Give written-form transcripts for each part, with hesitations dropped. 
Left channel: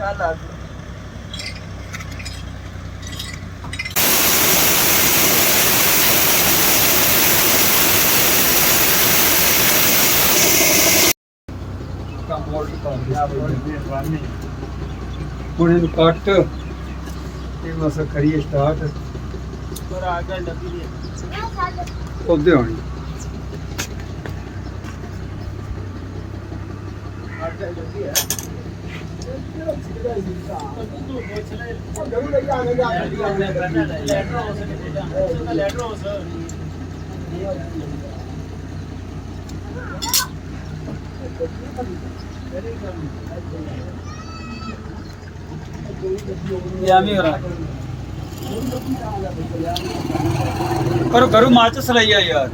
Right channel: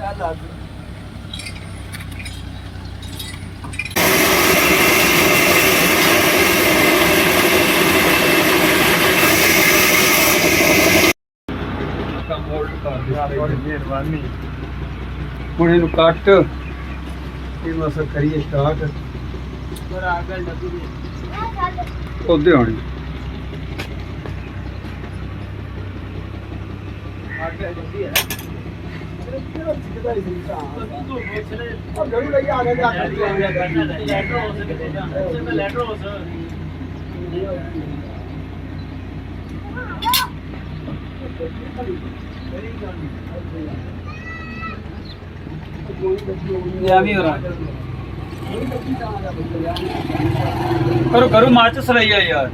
ਚੱਲ ਆ ਗਈ। ਕੰਮ ਹੋਲਡ ਕਰ ਦੇ ਮਿਹਰਬਾਨੀ। ਹੁਣ ਇਹਨੂੰ ਕੱਟ ਇਹ ਮਸਾ ਕਰੀਏ ਸਟਾਰਟ। ਪਰ ਆ ਗੱਲ ਡੱਬੀ ਹੈ ਉਹਦੇ ਹੋਣੀ ਆ ਗੱਲ ਡੱਬੀ ਹੈ। करो करो माचिस लइया यार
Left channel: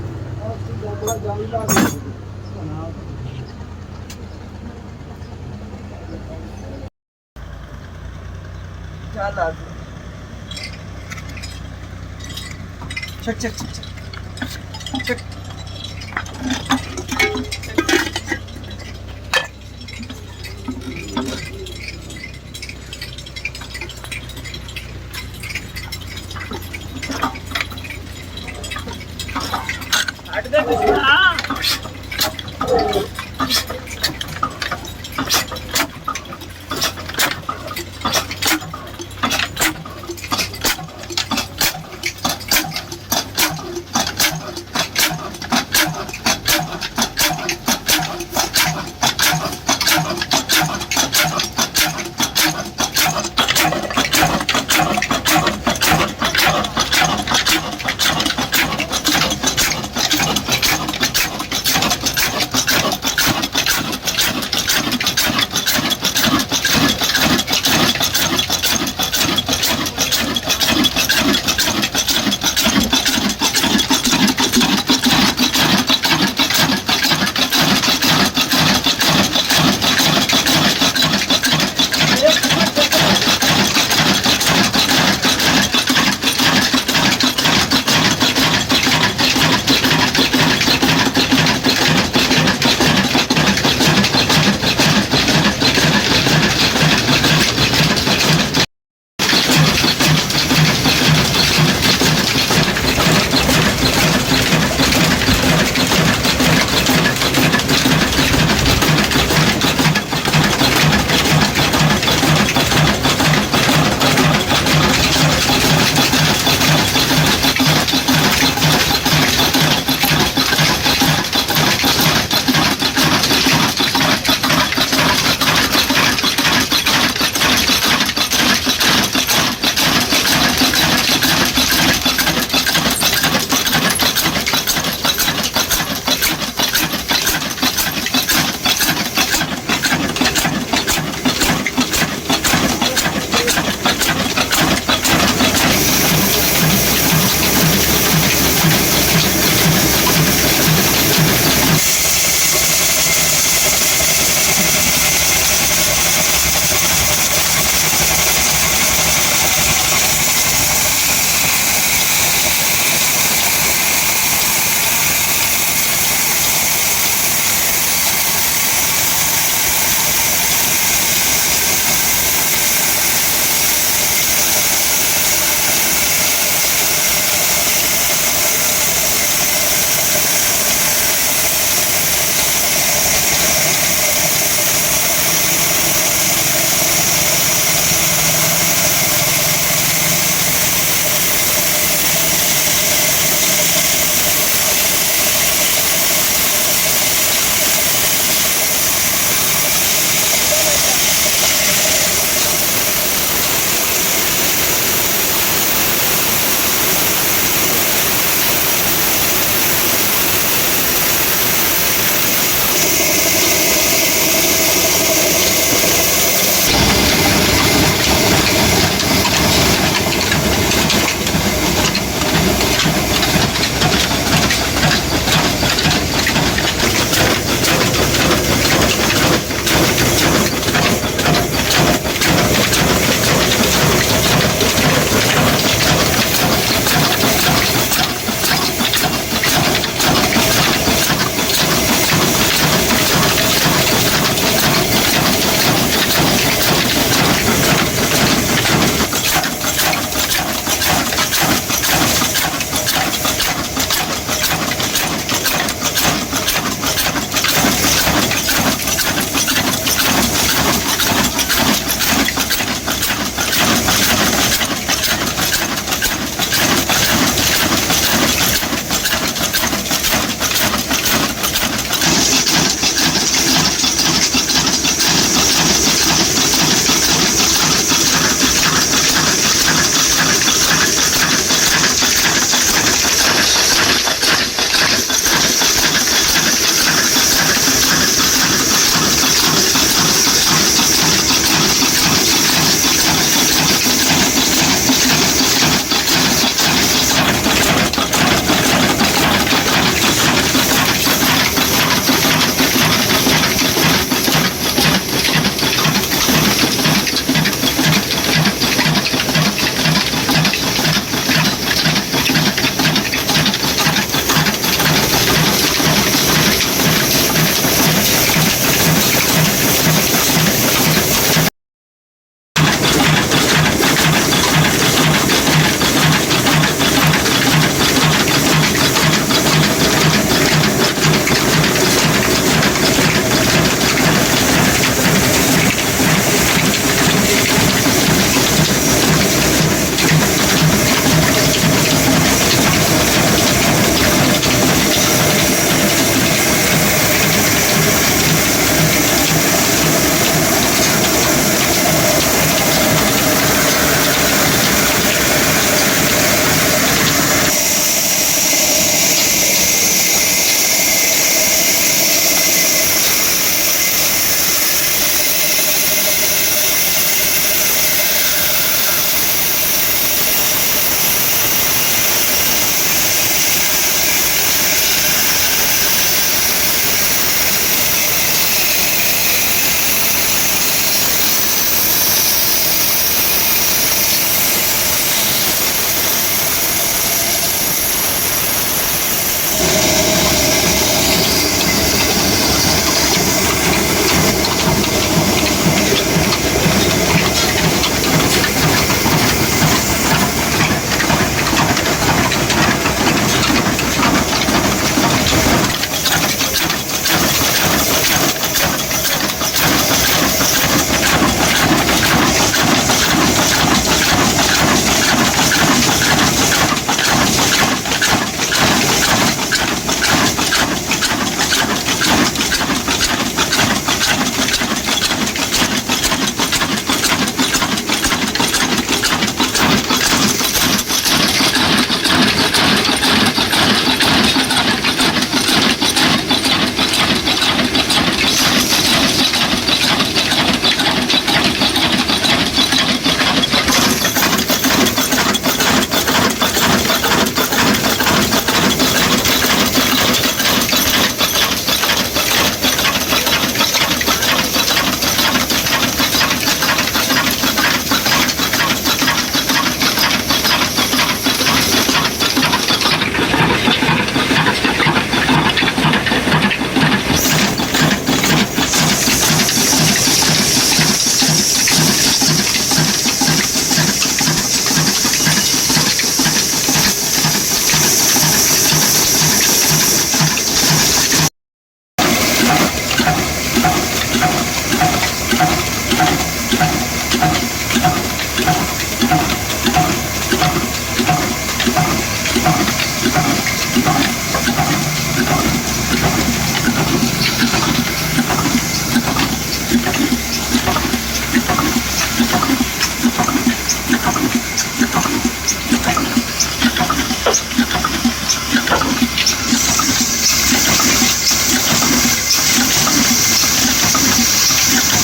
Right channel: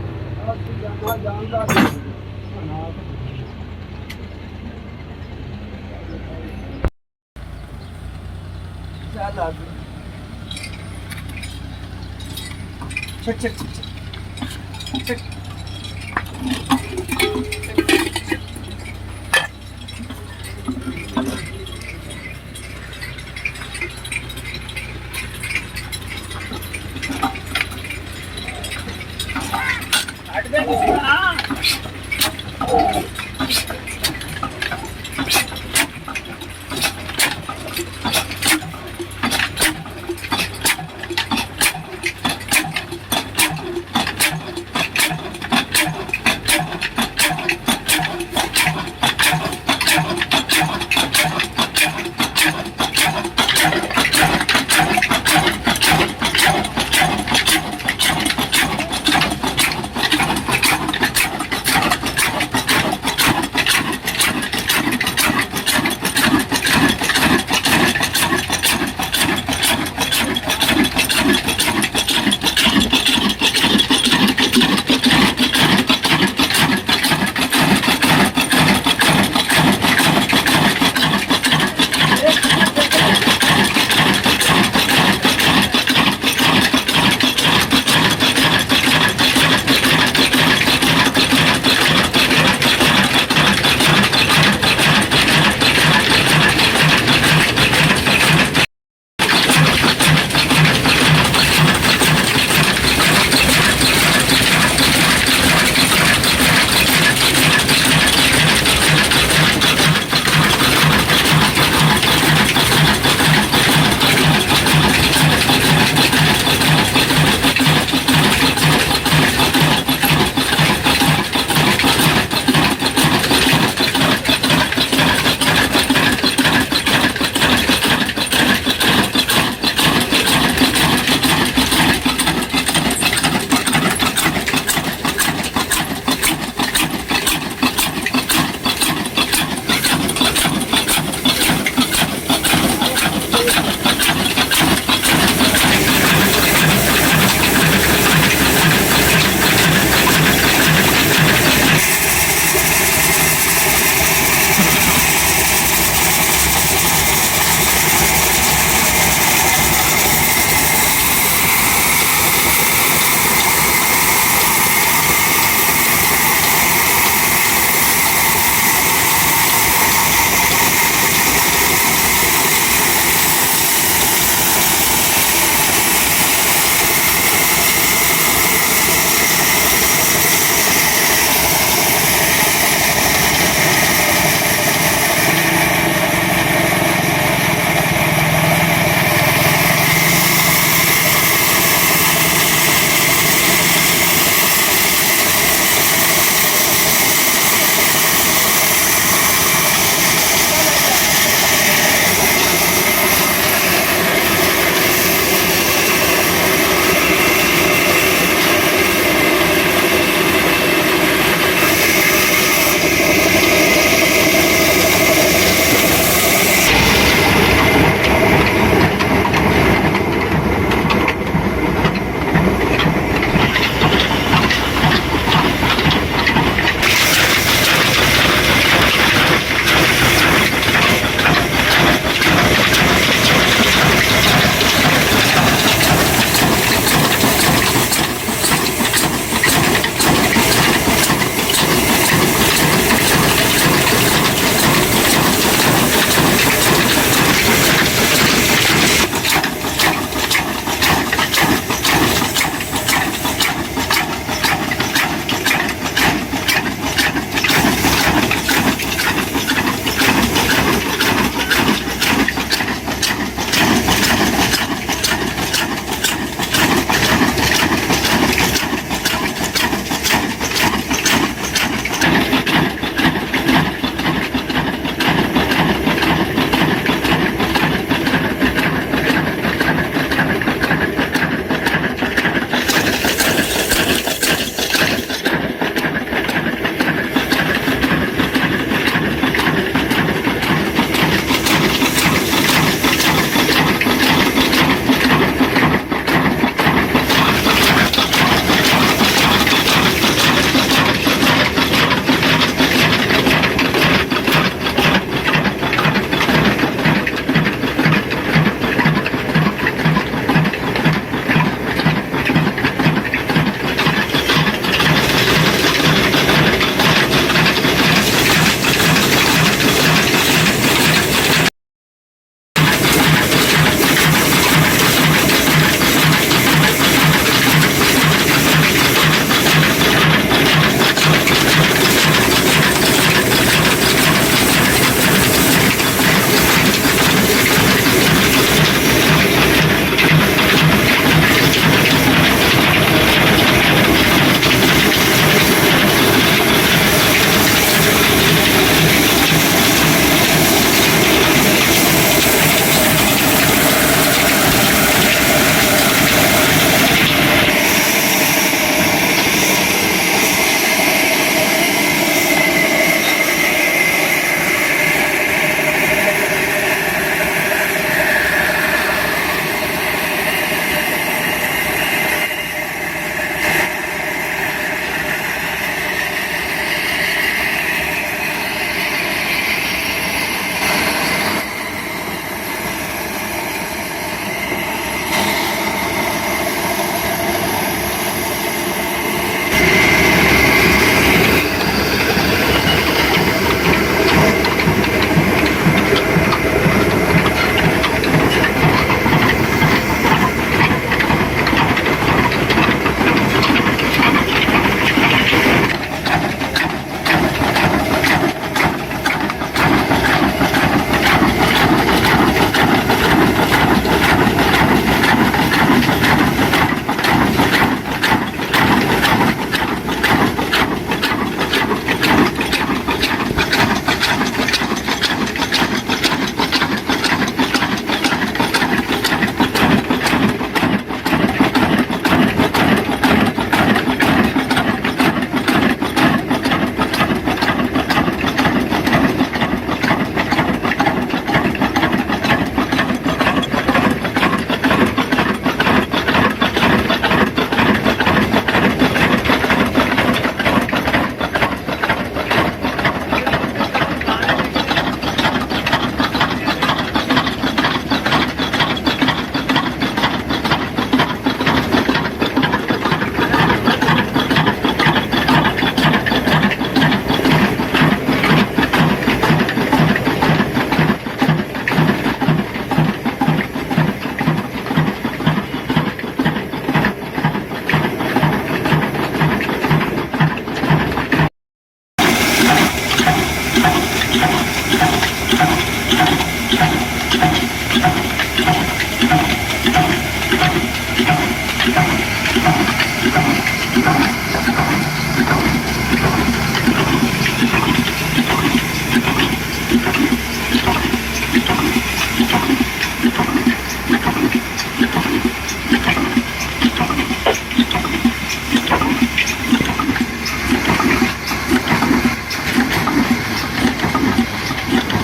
चक चक चक चक हट दे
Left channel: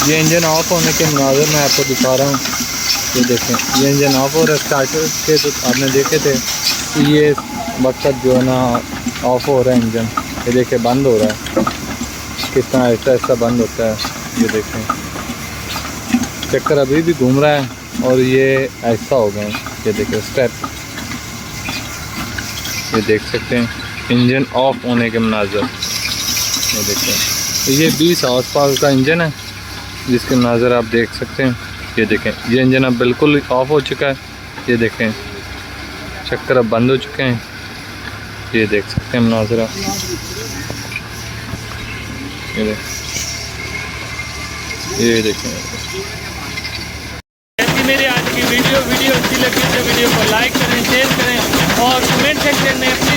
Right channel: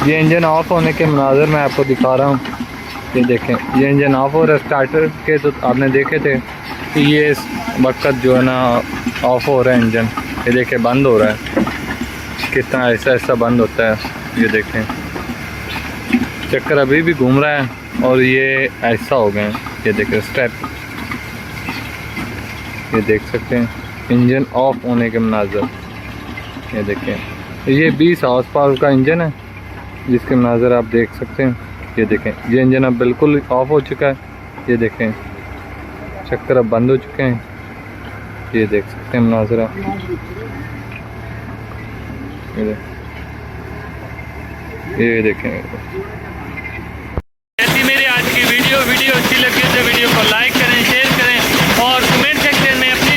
ये इंजन ऑफ होने के मनाज़र मैं आपको दिखा रहा हूँ। ये देखें, ये इंजन ऑफ हो रहा है। स्टार्टर के तो आपने देखे थे कि ये वक्त जो है ना ऑफ हो रहा है इंजन। ये देखें बंद हो रहा है, कितना ऐसा ऐसा बंद होता है। ये देखें चक्कर अभी भी घूम रहा है और ये ऐसा हो गया है। ये देखें स्टेप, ये देख सकते हैं इंजन ऑफ होने के मनाज़र। ये देखें ये 20 हॉर्स पावर का इंजन है जिसके मनाज़र आप देख सकते हैं। ये देखें ये इंजन अब बिल्कुल ऑफ हो चुका है। ये देखें चक्कर अब बंद हो चुके हैं। ये देख सकते हैं मनाज़र। ये देखें ऐसी मेरी आज की वीडियो अच्छी लगी तो वीडियो को लाइक करें, शेयर करें और कमेंट सेक्शन में अपनी